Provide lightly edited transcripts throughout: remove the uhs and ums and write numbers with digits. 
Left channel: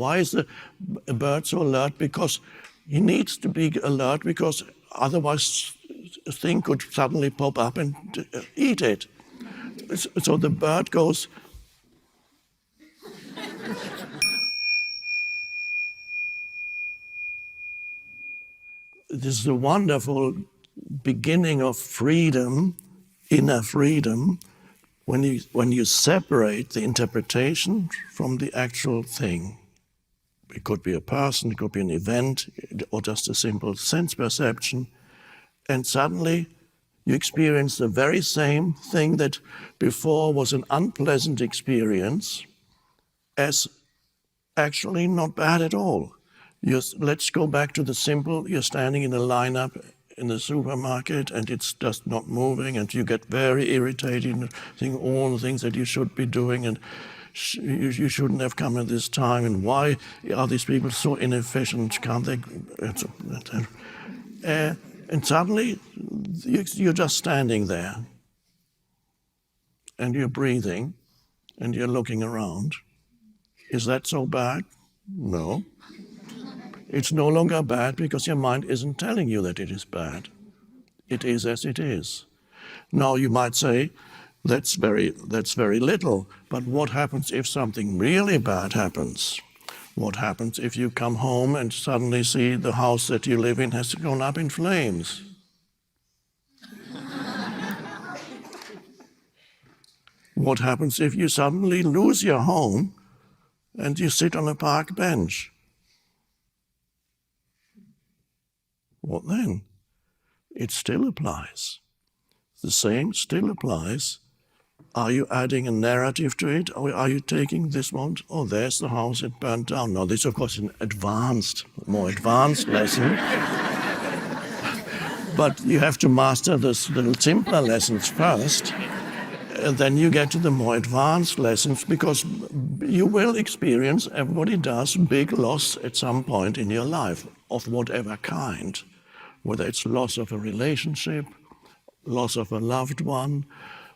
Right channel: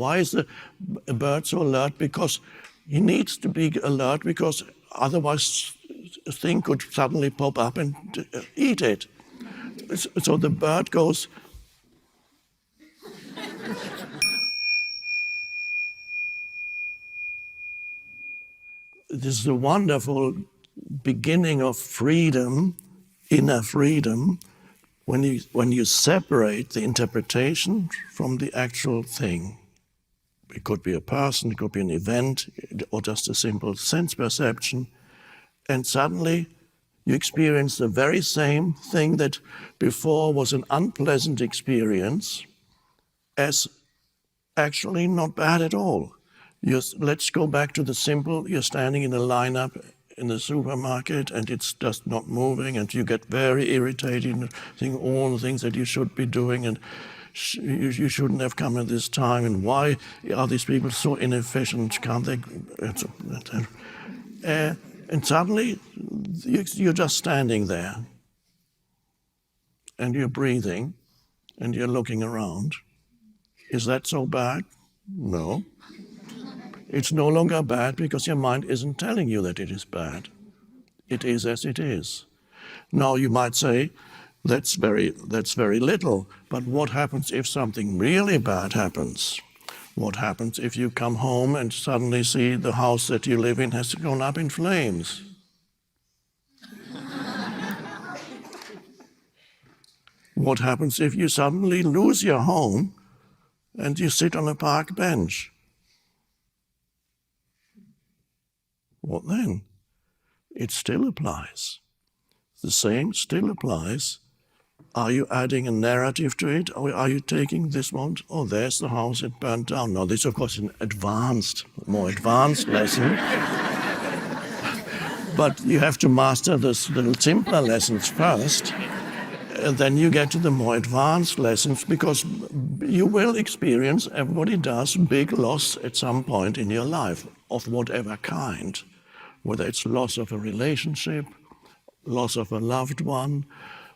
Why is the bird so alert? Because he needs to be alert, because otherwise a thing could suddenly pop up and eat it. So the bird goes, this is a wonderful beginning of freedom, inner freedom, when you separate the interpretation from the actual thing. It could be a person, it could be an event, or just a simple sense perception, and suddenly you experience the very same thing that before was an unpleasant experience as actually not bad at all. Let's go back to the simple, you're standing in a lineup in the supermarket and it's just not moving and you get very irritated and think all the things that you should be doing and you shouldn't have come at this time, and why are these people so inefficient, can't they? And suddenly you're just standing there and you're breathing and you're looking around. Is that so bad? No. It's no longer bad because your mind isn't telling you that it is bad. It is as it is. Now you might say, that's very little, but what happens if something really bad happens? What happens if you come home and suddenly see the house that you live in has gone up in flames? What happens if you suddenly lose your home and you sit on a park bench? What then? It still applies. The same still applies. Are you adding a narrative to it, or are you taking this one? Oh, there's the house, it burned down. Now, this, of course, is an more advanced lesson. But you have to master the simpler lessons first. And then you get to the more advanced lessons, because you will experience, everybody does, big loss at some point in your life, of whatever kind. Whether it's loss of a relationship, loss of a loved one,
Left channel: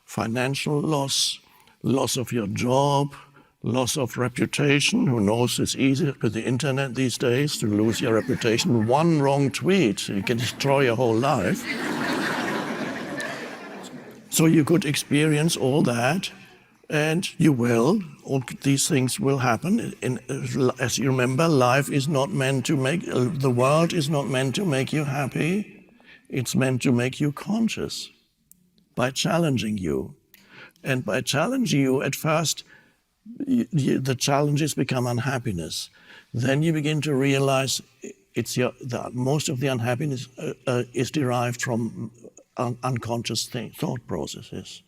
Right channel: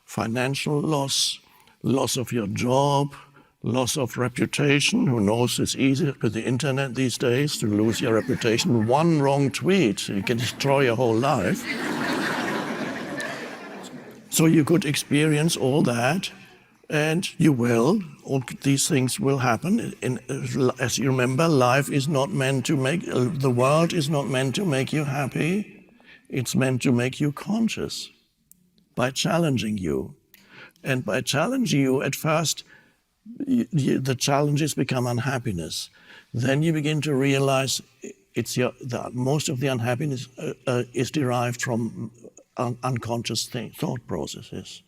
financial loss, loss of your job, loss of reputation. Who knows, it's easy with the internet these days to lose your reputation. One wrong tweet, you can destroy your whole life. So you could experience all that, and you will. All these things will happen. As you remember, life is not meant to make, the world is not meant to make you happy. It's meant to make you conscious by challenging you. And by challenging you, at first, the challenges become unhappiness. Then you begin to realize most of the unhappiness is derived from unconscious thought processes.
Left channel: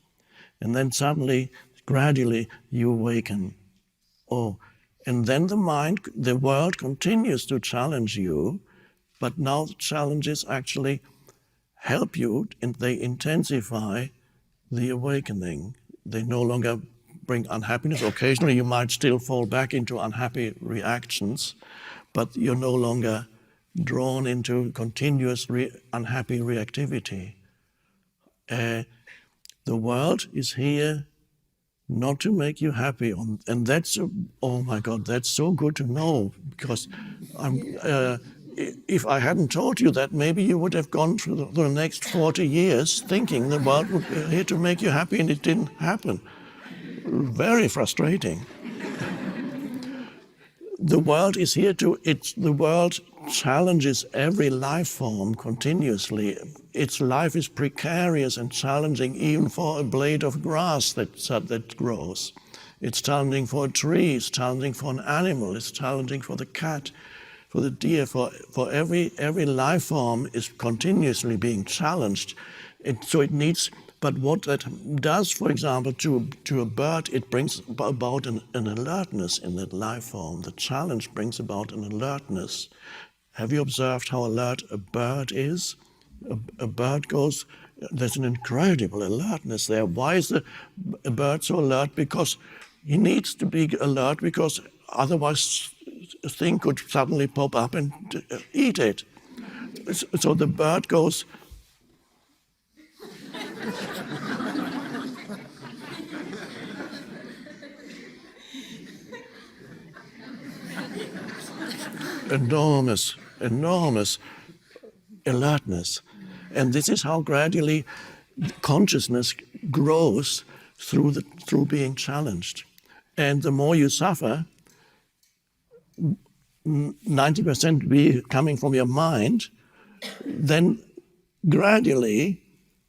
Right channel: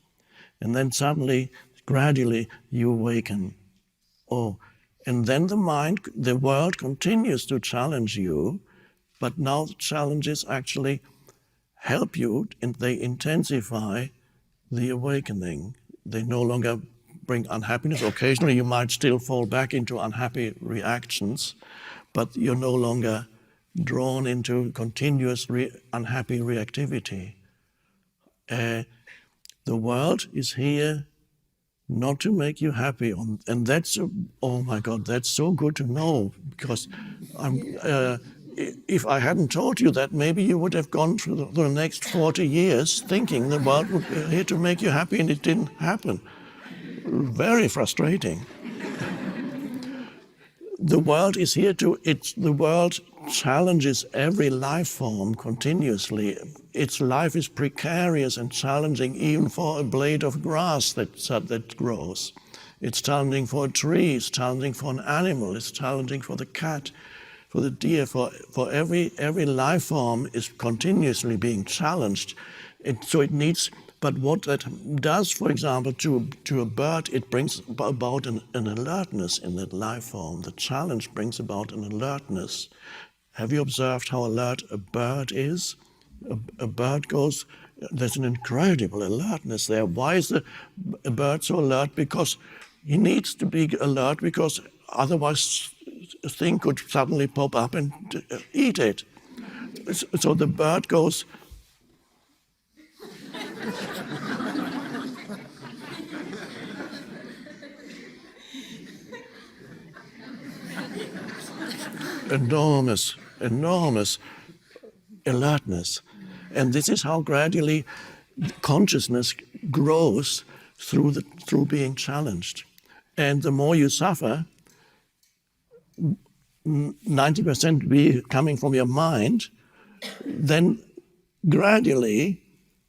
And then suddenly, gradually, you awaken. Oh, and then the world continues to challenge you, but now the challenges actually help you, and they intensify the awakening. They no longer bring unhappiness. Occasionally you might still fall back into unhappy reactions, but you're no longer drawn into continuous unhappy reactivity. The world is here not to make you happy, and that's, oh my God, that's so good to know, because if I hadn't told you that, maybe you would have gone through the next 40 years thinking the world would be here to make you happy, and it didn't happen. Very frustrating. The world is here the world challenges every life form continuously. Its life is precarious and challenging even for a blade of grass that grows. It's challenging for a tree, it's challenging for an animal, it's challenging for the cat, for the deer, for every life form is continuously being challenged. So it needs, but what that does, for example, to a bird, it brings about an alertness in that life form. The challenge brings about an alertness. Have you observed how alert a bird is? A bird goes, there's an incredible alertness there. Why is a bird so alert? Because he needs to be alert, because otherwise a thing could suddenly pop up and eat it. So the bird goes, enormous, enormous alertness. And this is how gradually consciousness grows through being challenged. And the more you suffer, 90% be coming from your mind, then gradually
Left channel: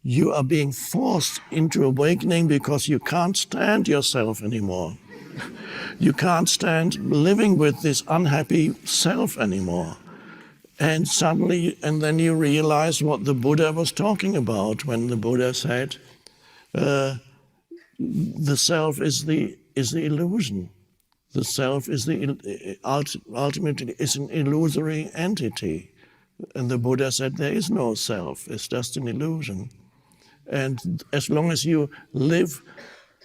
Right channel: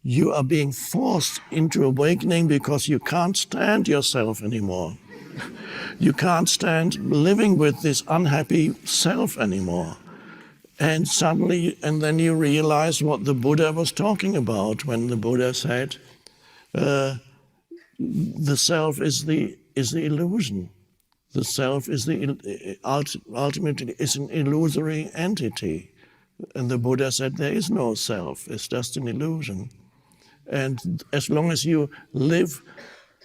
you are being forced into awakening because you can't stand yourself anymore. You can't stand living with this unhappy self anymore. And suddenly, and then you realize what the Buddha was talking about when the Buddha said, the self is the illusion. The self is ultimately is an illusory entity. And the Buddha said there is no self, it's just an illusion. And as long as you live,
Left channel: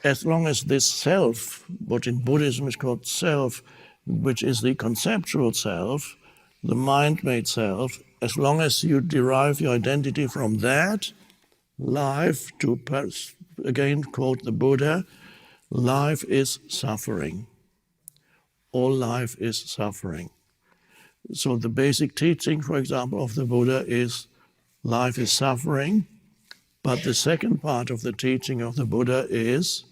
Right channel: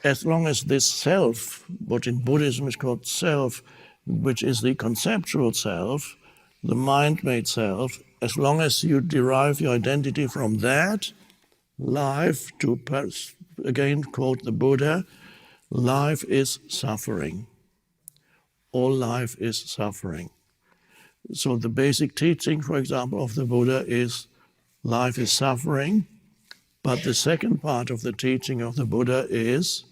as long as this self, what in Buddhism is called self, which is the conceptual self, the mind-made self, as long as you derive your identity from that, life, to again quote the Buddha, life is suffering. All life is suffering. So the basic teaching, for example, of the Buddha is life is suffering, but the second part of the teaching of the Buddha is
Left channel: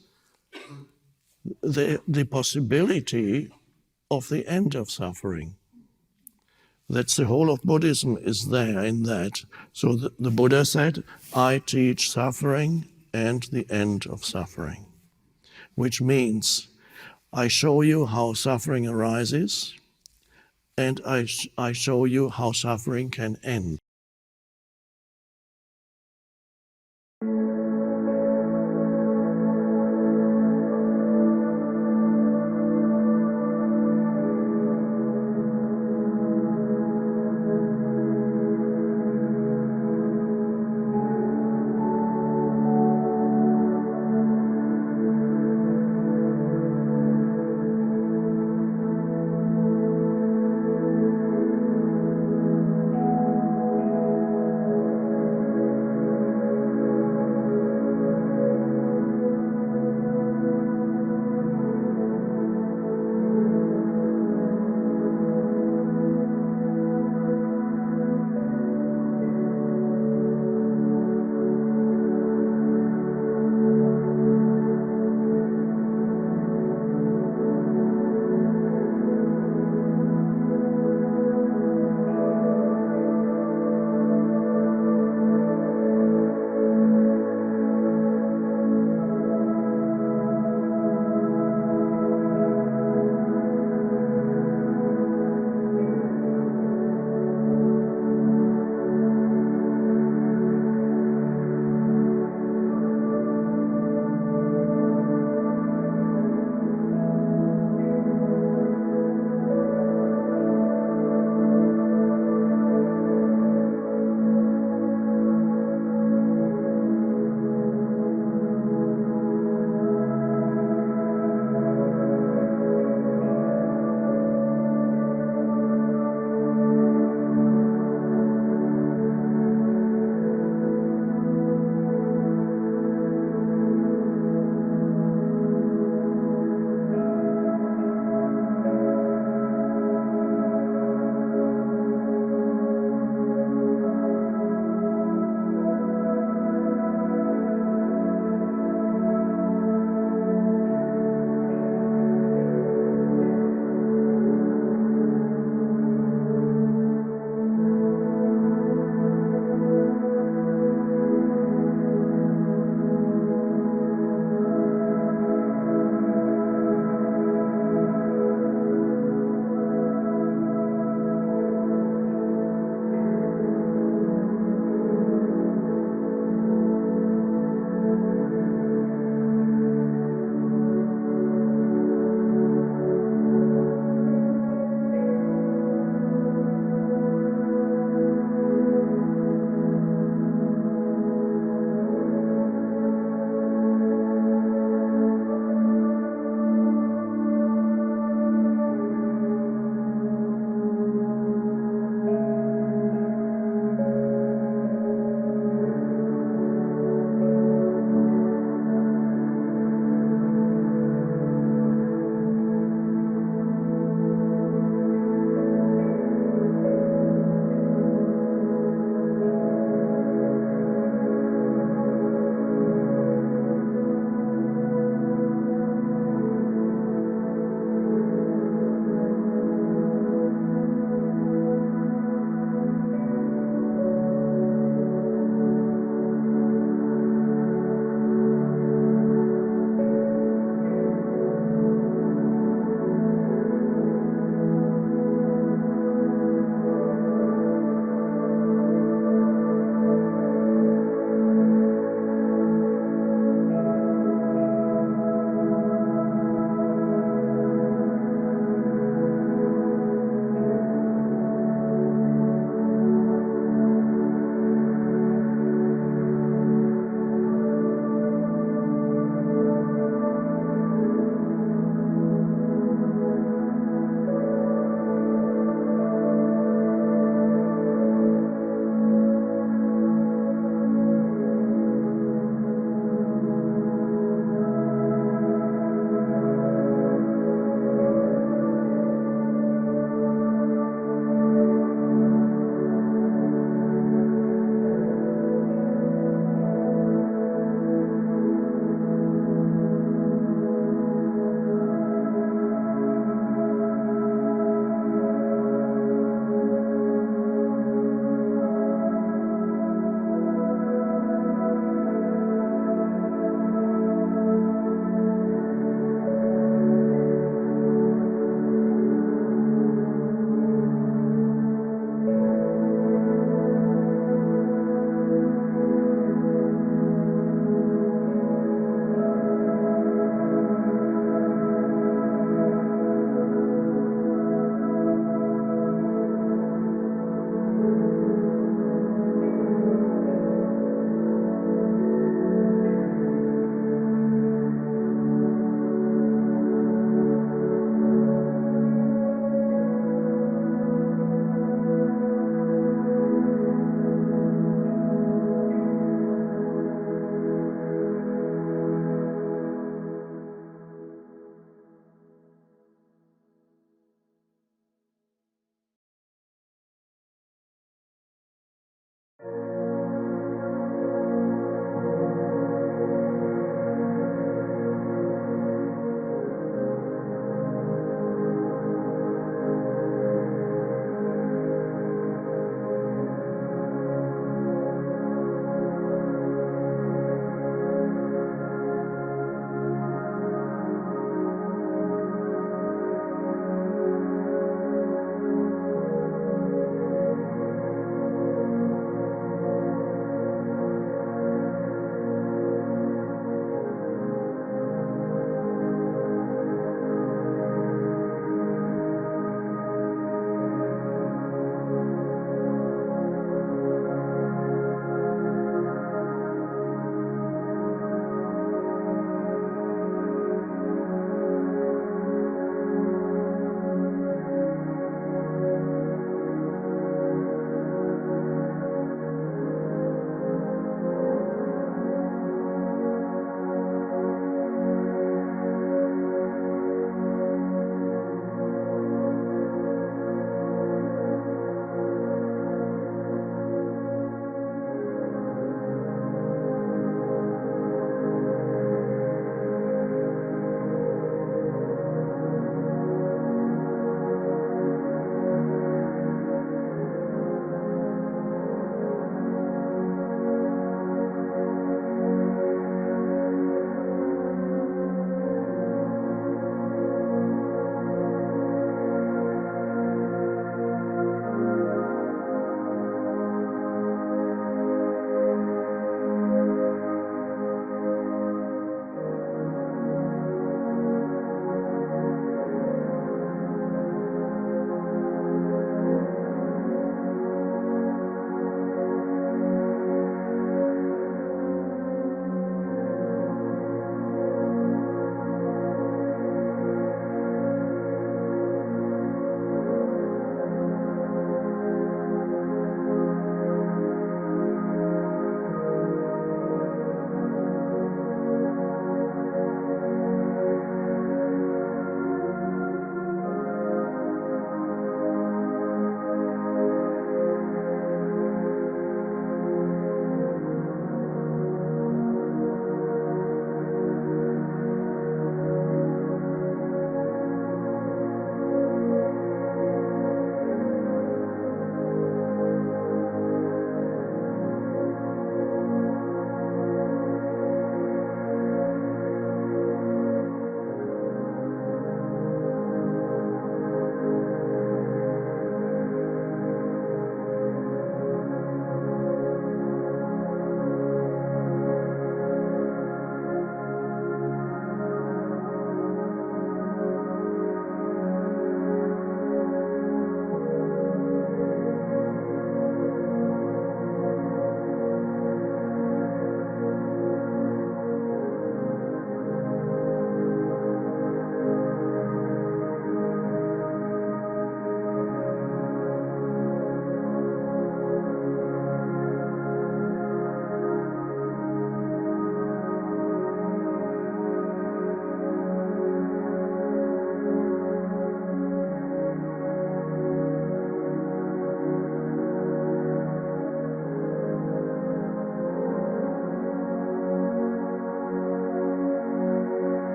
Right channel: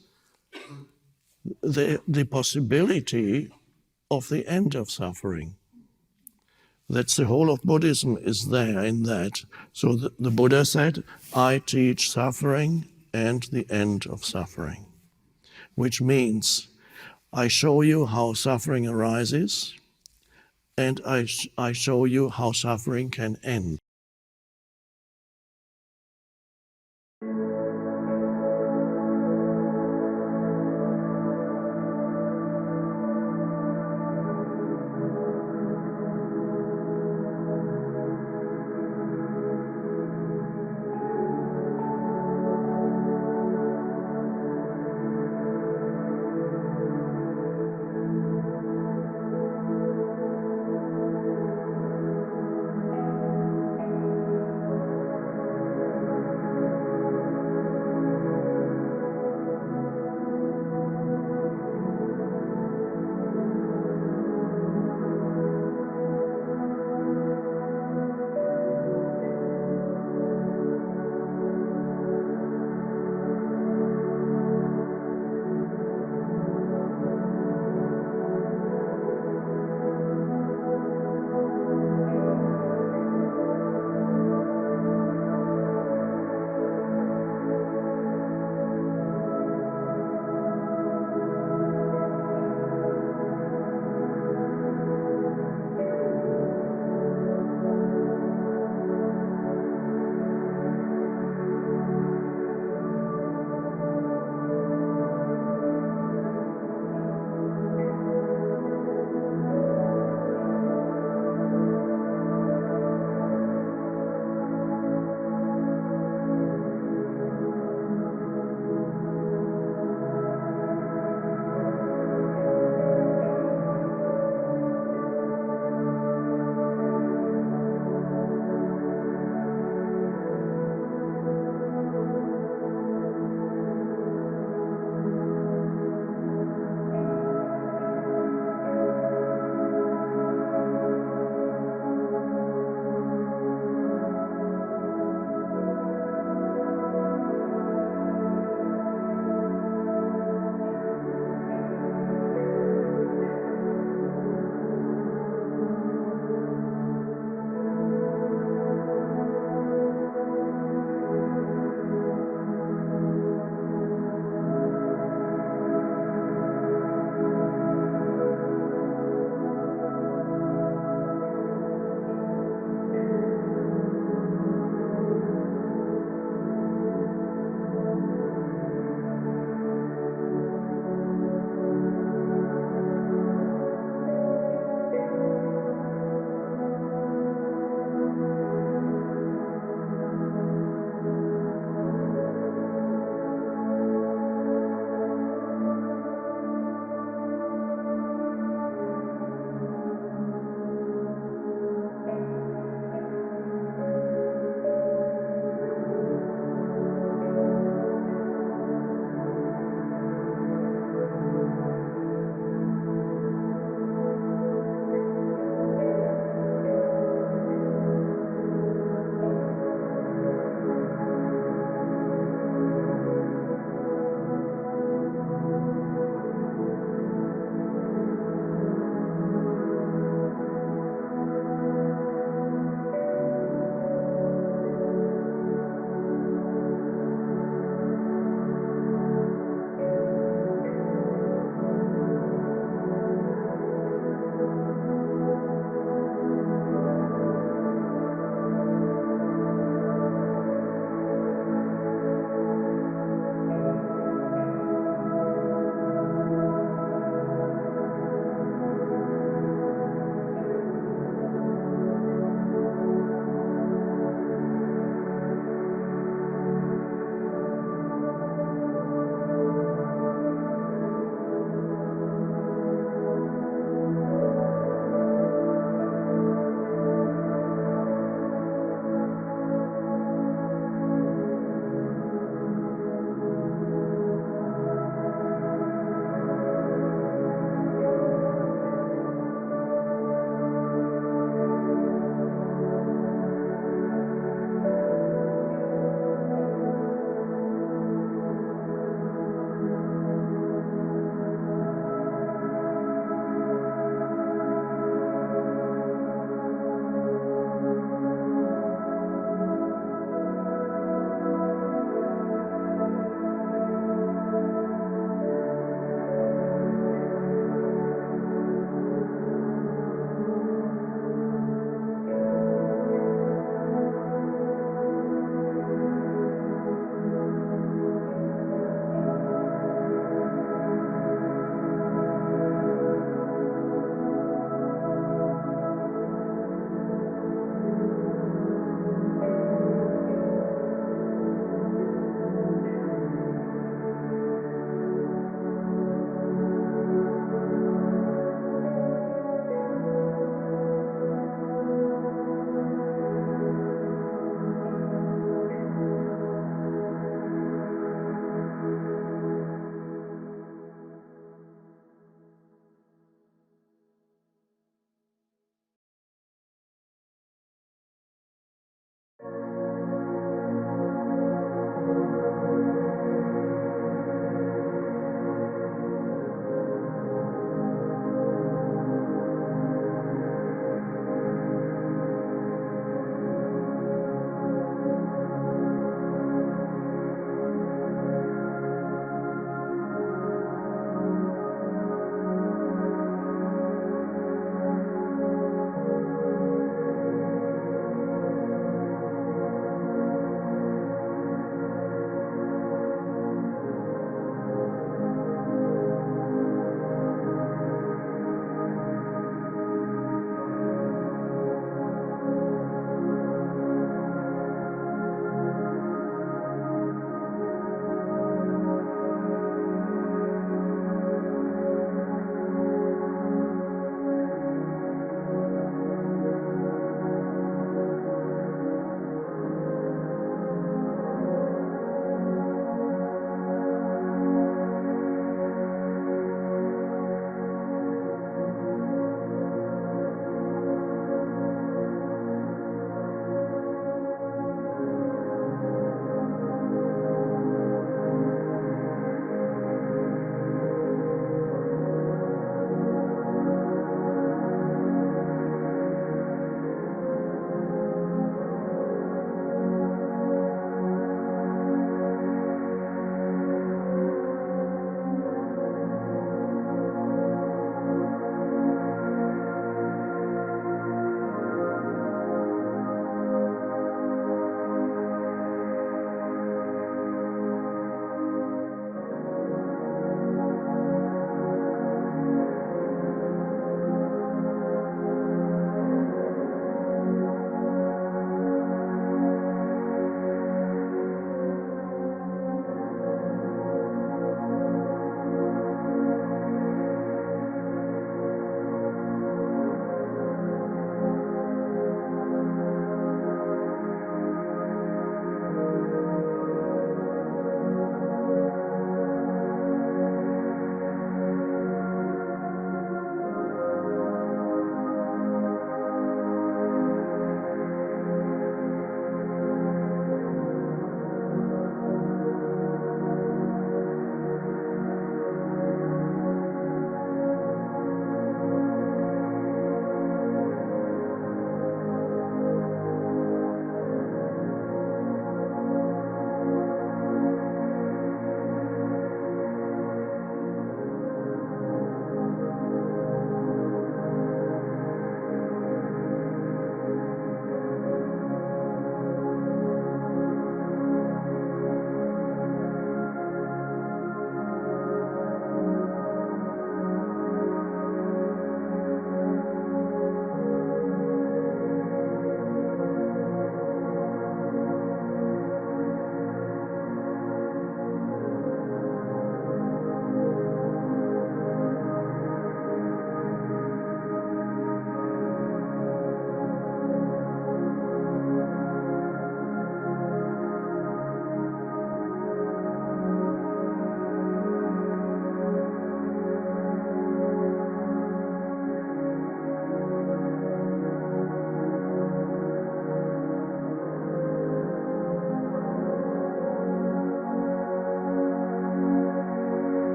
the possibility of the end of suffering. That's the whole of Buddhism is there in that. So the Buddha said, I teach suffering and the end of suffering, which means I show you how suffering arises and I show you how suffering can end.